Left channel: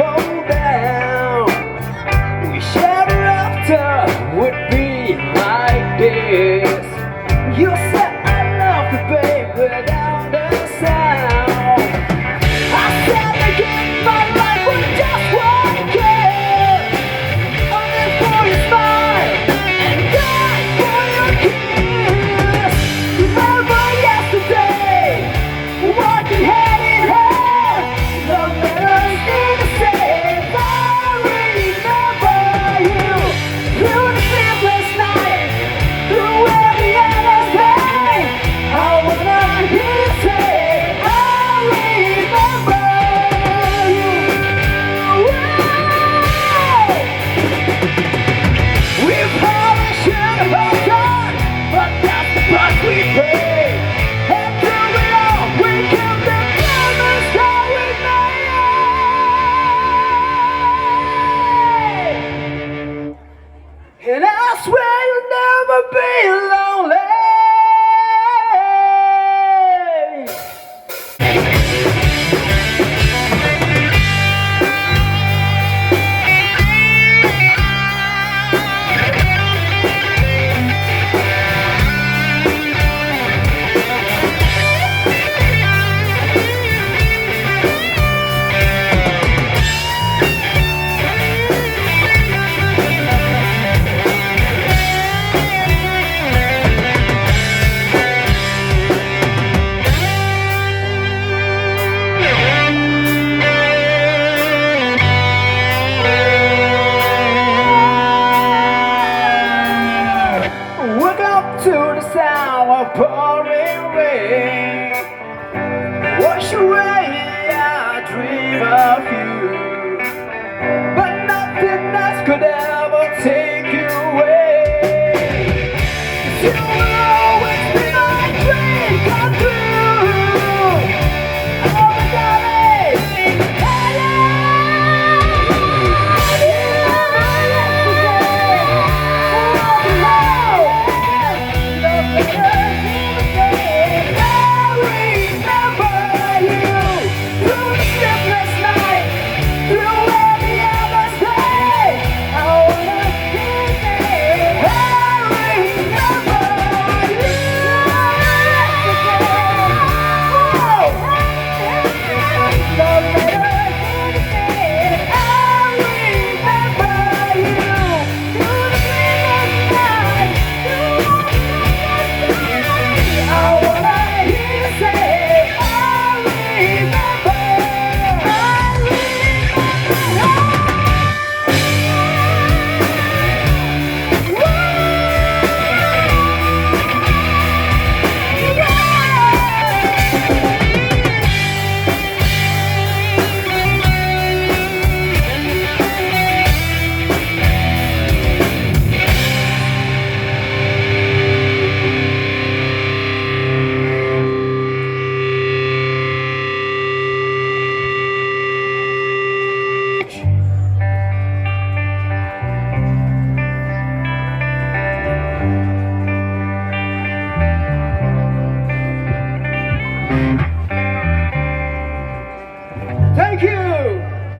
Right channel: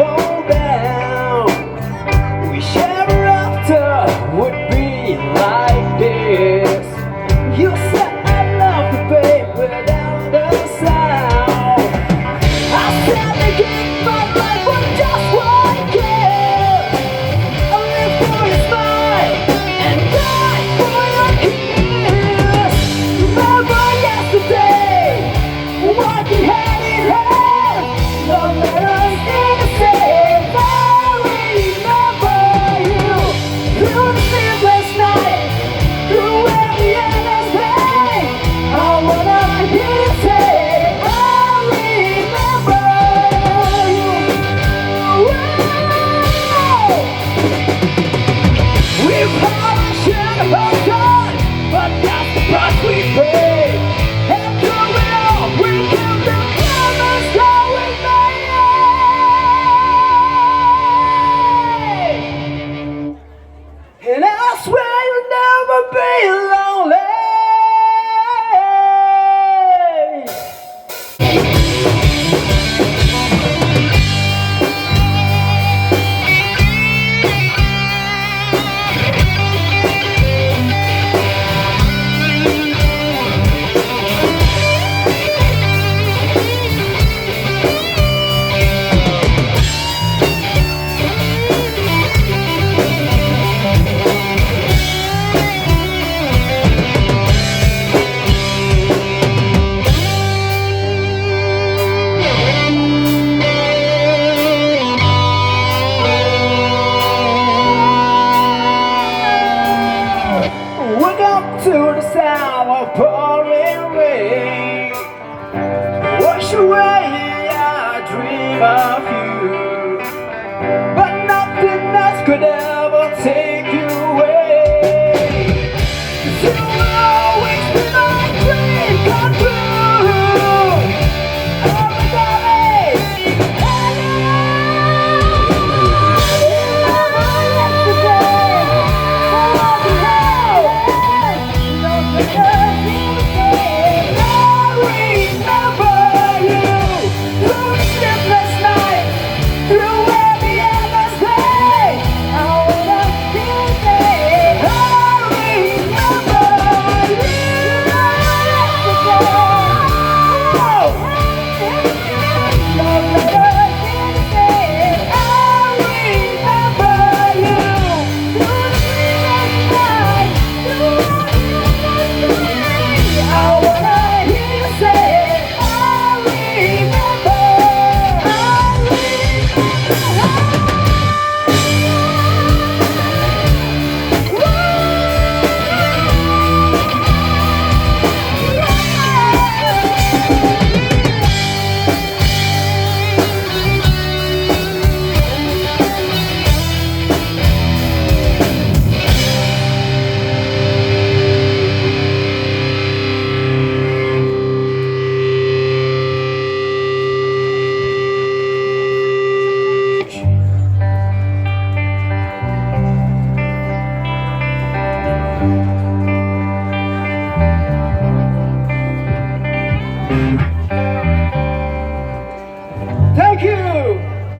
fall down. Wish ever after would be like this. You said I love you, babe, without the sound. I said again, my life was just one kiss. I live for your smile and die for your kiss. Remember yesterday, walking hand in hand. No matter anything, I remember you. Through the sleepless night, through every endless day. I wanna hear you say, I remember you. Wow. We've had a shot of our God, but that's the price we pay. And through it all, we can the promise that we made. And I swear you'll never be lonely. Wake up to the sound of pouring rain. Wash away our dream of you, but nothing else could ever take you away. You'll always be my dream come true. Oh my darling, thank you.